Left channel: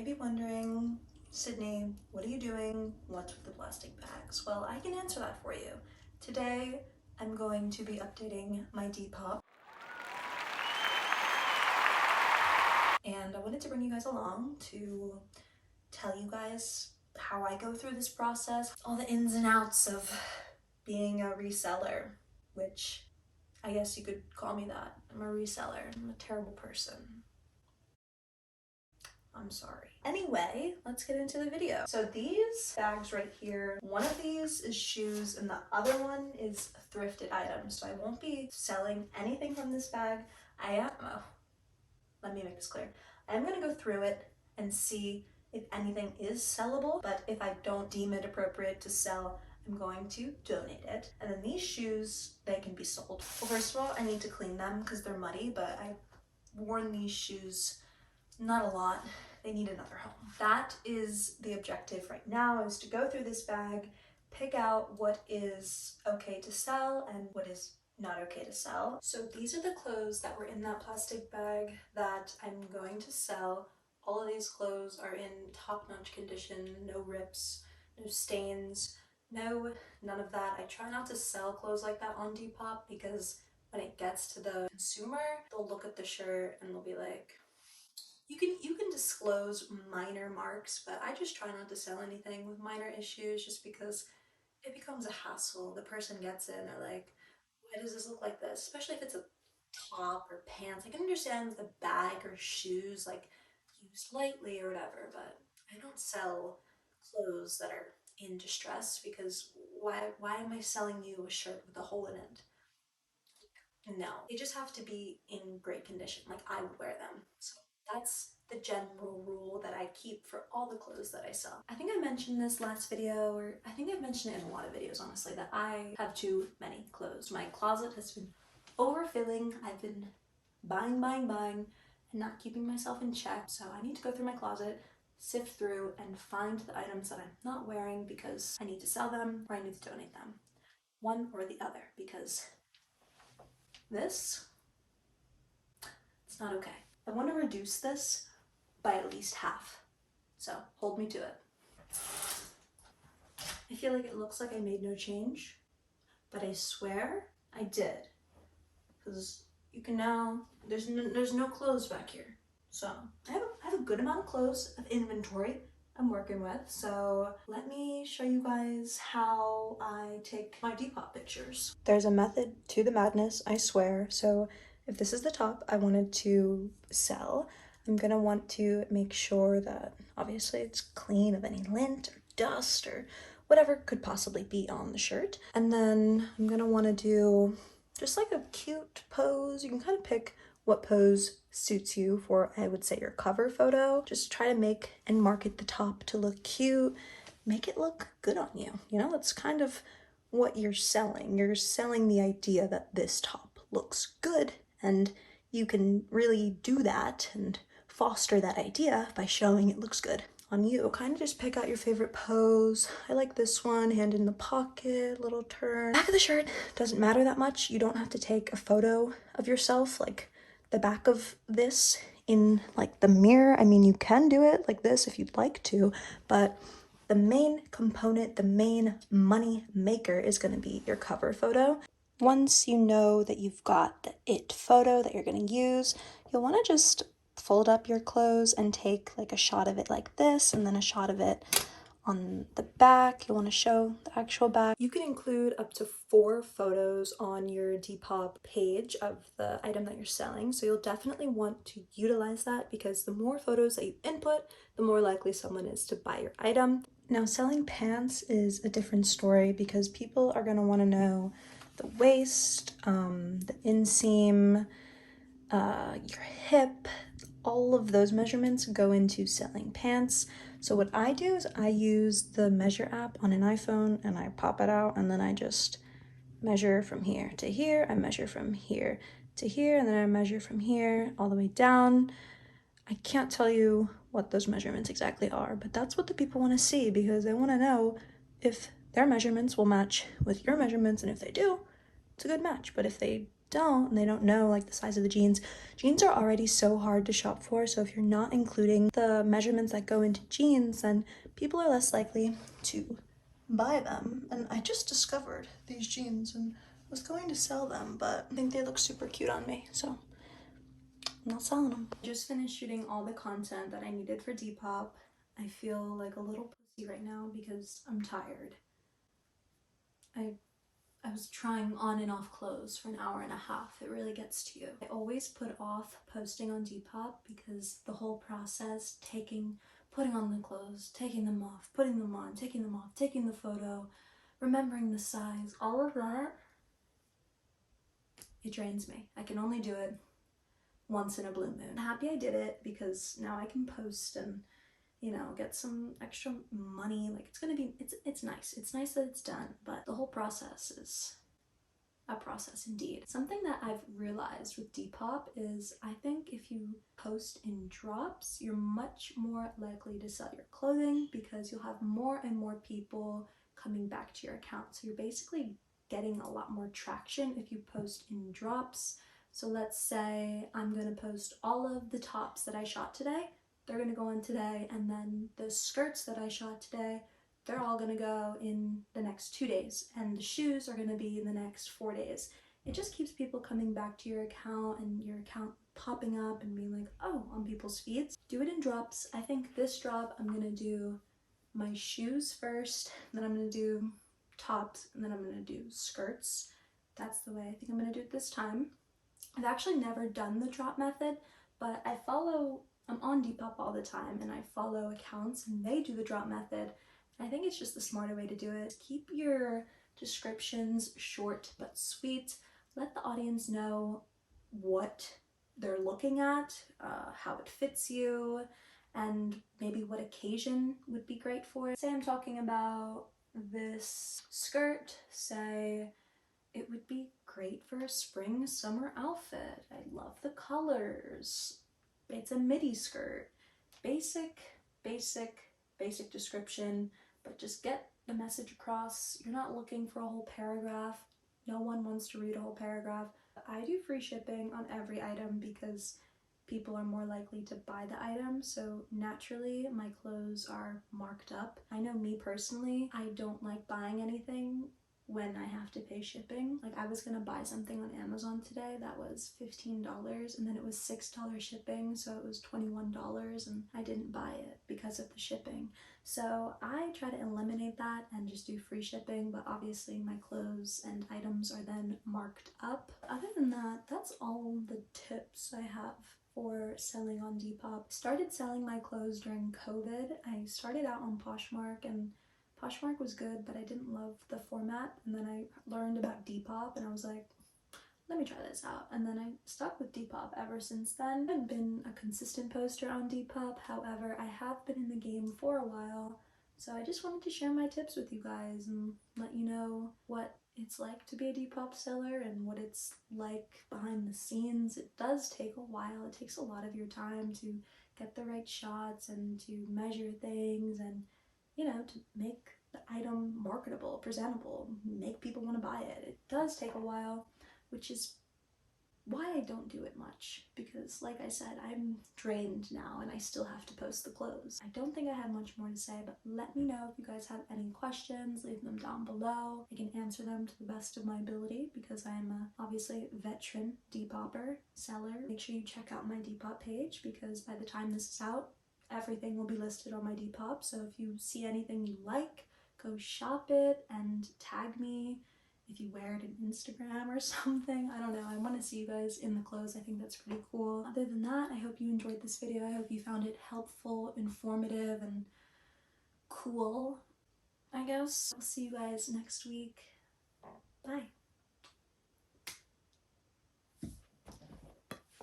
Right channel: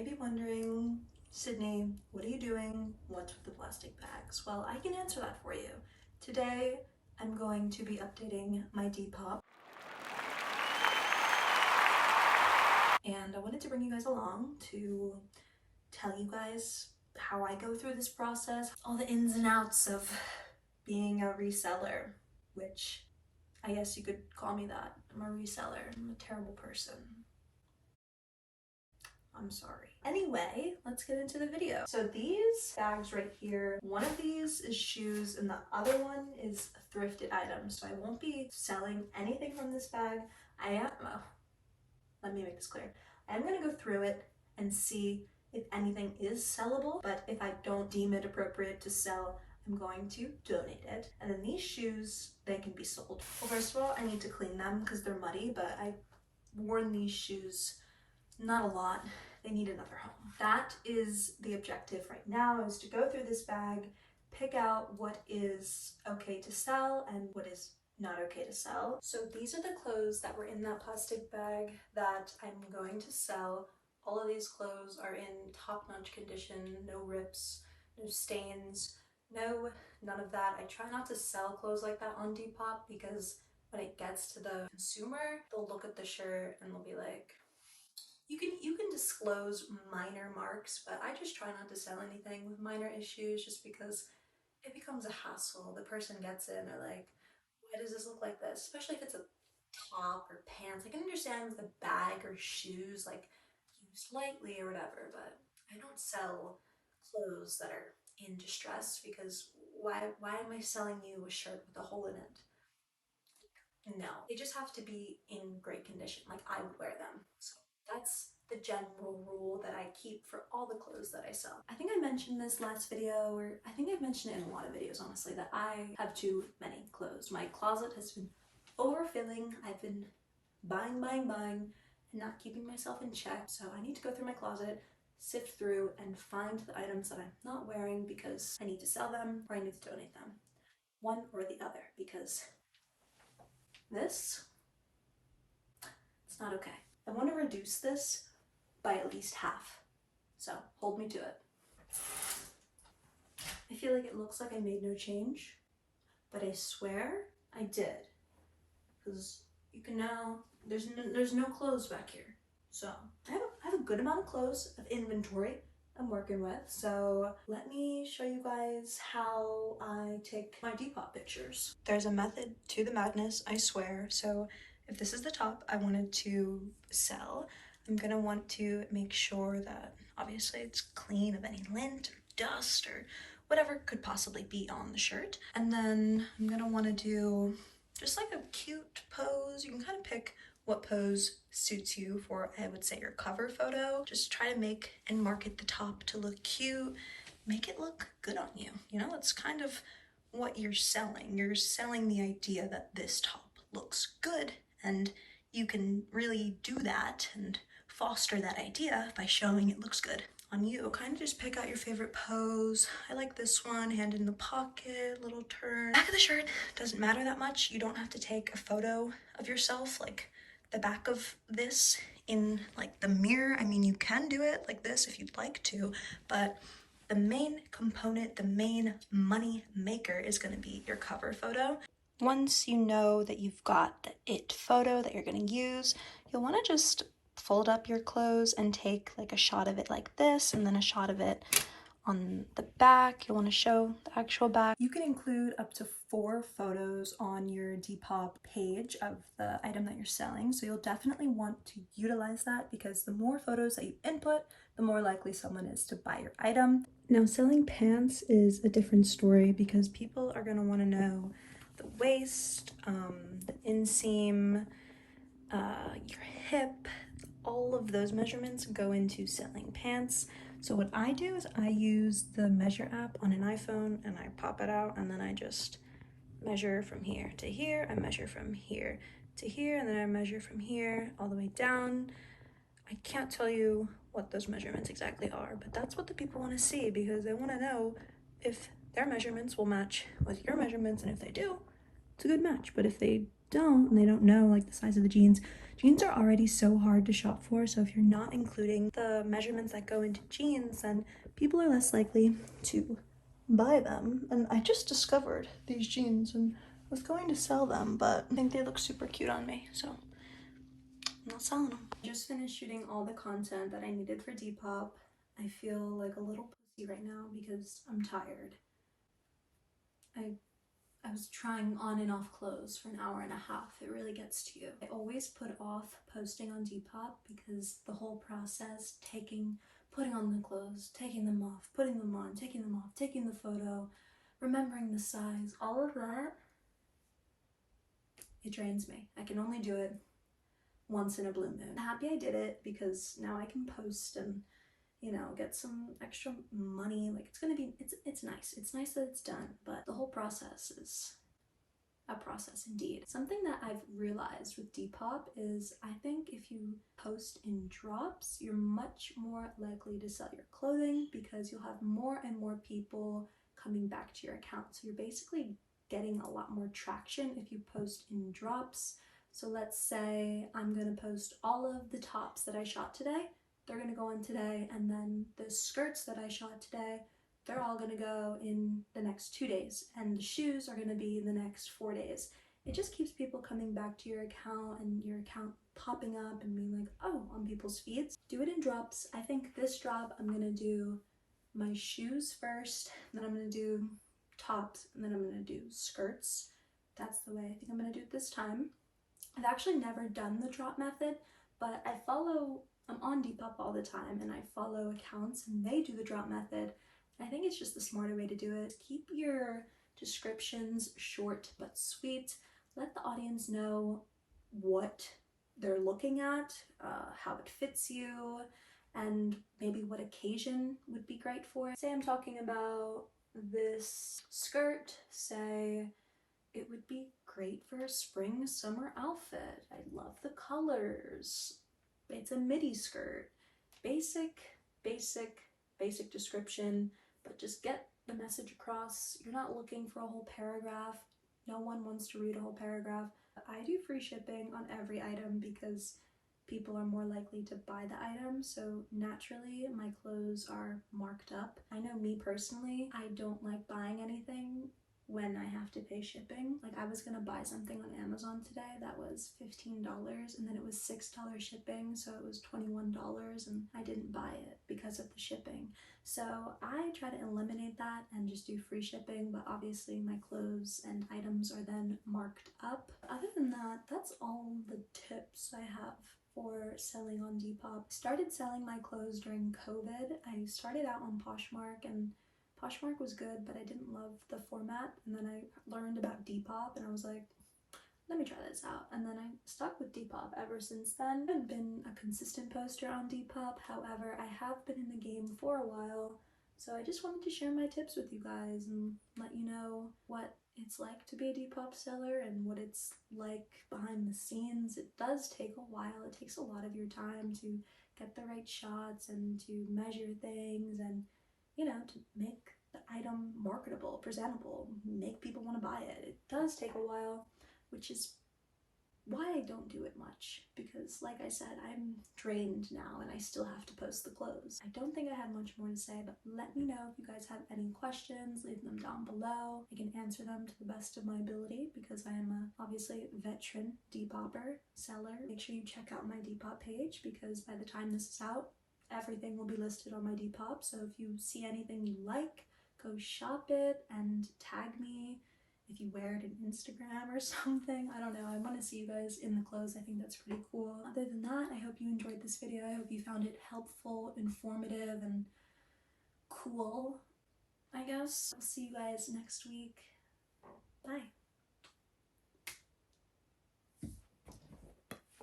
may be wondering, Sydney, what are you doing? What's with the plastic bags? Well, I can answer that for you. Today, I'm going to be updating my Depop. And I wanted to bring you guys along to tell you guys how I go through this process, all the ins and outs of being a reseller, which I guess you could call me that. I'm a reseller. I'm a terrible person. I'm sorry. Anyway, let's get into the video. So these bags right here, one of these is shoes and the other one is thrifted items. So I won't be selling anything from this bag. Let me make this clear. I'm gonna go through it and see if anything is sellable, but if I don't deem it appropriate to sell, I'm going to donate it. And then these shoes, they can be sold. Well, first of all, I need to clean them because they're muddy, but I've worn these shoes not a lot. They need another home. That is the objective right now, is to go through this bag, pick out what is okay to sell and what is not okay to sell. So these are the clothes that were in that plastic bag that I'm going to sell. All of these clothes are in top-notch condition, no rips, no stains, none of that. I try not to sell clothes like that on Depop because when it gets to the consumer, they'll look at the shirt and they'll be like, you can disclose minor marks, but I just try not to sell anything with minor issues just because it becomes a hassle. The person gets it and they're like, why does this look like this? Especially if it's a top or pants. I can understand with a bag or shoes, like used lightly or whatever, but I don't sell clothes that are in distress because why am I selling you a shirt with a hole in it? No, they just have to be in great condition, like I would wear them. So that's the general rule that I keep for all the clothes that I sell. I think I mentioned this last video, or I think I've mentioned it in a lot of videos, honestly, that I have too many clothes. My closet has been overfilling. I've been buying, and not keeping myself in check. So I need to go through my closet, sift through, and find the items that I'm not wearing because I need to sell them or I need to donate them. One or the other, because this, it's not okay. I want to reduce this by at least half, so hold me to it. I feel like it looks like I made no change, but I swear I did, because you can now, there's no clothes back here. So I have a good amount of clothes of inventory I'm working with, so let me show you guys how I take my Depop pictures. There's a method to the madness, I swear. So if this is the top I wanted to sell, I'm gonna want to make sure that obviously it's clean of any lint or dust or whatever could possibly be on the shirt. And then I'm gonna want to do just like a cute pose. You can kind of pick what pose suits you for, I would say, your cover photo. Just try to make and market the top to look cute, make it look good on you. You know, it's kind of what you're selling. You're selling the idea that this top looks good, and you can really do that and foster that idea by showing it looks good on you. Kind of just pick out your favorite pose. I like this one, hand in the pocket, little turn. Back of the shirt doesn't matter that much. You don't have to take a photo of yourself like the back of this in like the mirror. I mean, you can do it like this if you'd like to, but the main component, the main money maker is going to be your cover photo. Once you know that you've got the it photo that you're going to use, you'll want to just fold up your clothes and take like a shot of it like this, and then a shot of it on the back. You'll want to show the actual back. You can include up to 4 photos on your Depop page of the item that you're selling, so you'll definitely want to utilize that because the more photos that you input, the more likely someone is to buy your item. Now, selling pants is a different story because people are going to want to know the waist, the inseam, your hip. All of those measurements go into selling pants. So what I do is I use the measure app on an iPhone and I pop it out, and then I just measure from here to here. I measure from here to here, and then I measure from here all the way down. I can't tell you what those measurements exactly are, but that's what the people want to see because they want to know if their measurements will match with your measurements, and if they do, it's a good match. But if they don't and they don't know like the size of the jeans, jeans are already so hard to shop for, so if you're not including the measurements that go into jeans, then people are less likely to buy them. And I just discovered these jeans and was going to sell them, but I think they look super cute on me, so I'm not selling them. I just finished shooting all the content that I needed for Depop. I feel like a little pussy right now because I'm tired. I was trying on and off clothes for an hour and a half. It really gets to you. I always put off posting on Depop because the whole process, putting on the clothes, taking them off, putting them on, taking them off, taking the photo, remembering the size, all of that, it drains me. I can only do it once in a blue moon. I'm happy I did it because now I can post and, you know, get some extra money. Like, it's nice. It's nice that it's done, but the whole process is a process indeed. Something that I've realized with Depop is I think if you post in drops, you're much more likely to sell your clothing because you'll have more and more people coming back to your account. So you're basically getting a lot more traction if you post in drops. So let's say I'm gonna post all of the tops that I shot today. They're gonna go on today, and then the skirts that I shot today, they're all gonna go in the next 2 days, and the shoes are gonna be in the next 4 days. It just keeps people coming back to your account and your account popping up and being like, oh, on people's feeds. Do it in drops. I think this drop I'm gonna do my shoes first, then I'm gonna do tops, and then I'm gonna do skirts. That's the way I think I'm gonna do it this time. I've actually never done the drop method, but I'm on Depop all the time and I follow accounts and they do the drop method. I think it's just the smarter way to do it. Keep your descriptions short but sweet. Let the audience know what they're looking at, how it fits you, and maybe what occasion would be great for it. Say I'm talking about this skirt, say it would be great for a spring summer outfit. I love the colors. It's a midi skirt. Basic description, but just get the message across. You're not looking for a whole paragraph. No one wants to read a whole paragraph. I do free shipping on every item because people are more likely to buy the item, so naturally my clothes are marked up. I know me personally, I don't like buying anything when I have to pay shipping. Like, I was gonna buy something on Amazon today that was $15 and then it was $6 shipping, so it was $21, and I didn't buy it because of the shipping. So I try to eliminate that and just do free shipping, but obviously my clothes and items are then marked up. Other than that, that's all the tips I have for selling on Depop. I started selling my clothes during COVID. I started out on Poshmark, and Poshmark was good, but I didn't love the format, and then I learned about Depop and I was like, let me try this out, and then I stuck with Depop ever since then. I haven't been a consistent poster on Depop, however, I have been in the game for a while, so I just wanted to share my tips with you guys and let you know what it's like to be a Depop seller and what it's like behind the scenes. It does take a while. It takes a lot of your time to get the right shots and to measure things and, you know, to make the item marketable, presentable, make people want to buy it. It does take a while, which is why I don't do it much, because like I said, I'm drained now and I still have to post the clothes. I don't think I have much more to say, but let me know if you guys have any questions. Leave them down below. I can answer them to the best of my ability because I am obviously a veteran Depopper seller. Make sure you check out my Depop page because by the time this is out, everything will be listed on my Depop. So if you see anything you like, go shop it and tag me if you wear it on Instagram or something. I don't know. I want to see you guys in the clothes. I think that's pretty cool. Other than that, I hope you enjoyed this video. I hope you found it helpful, informative, and cool, I guess. I'll see you guys next week. Bye.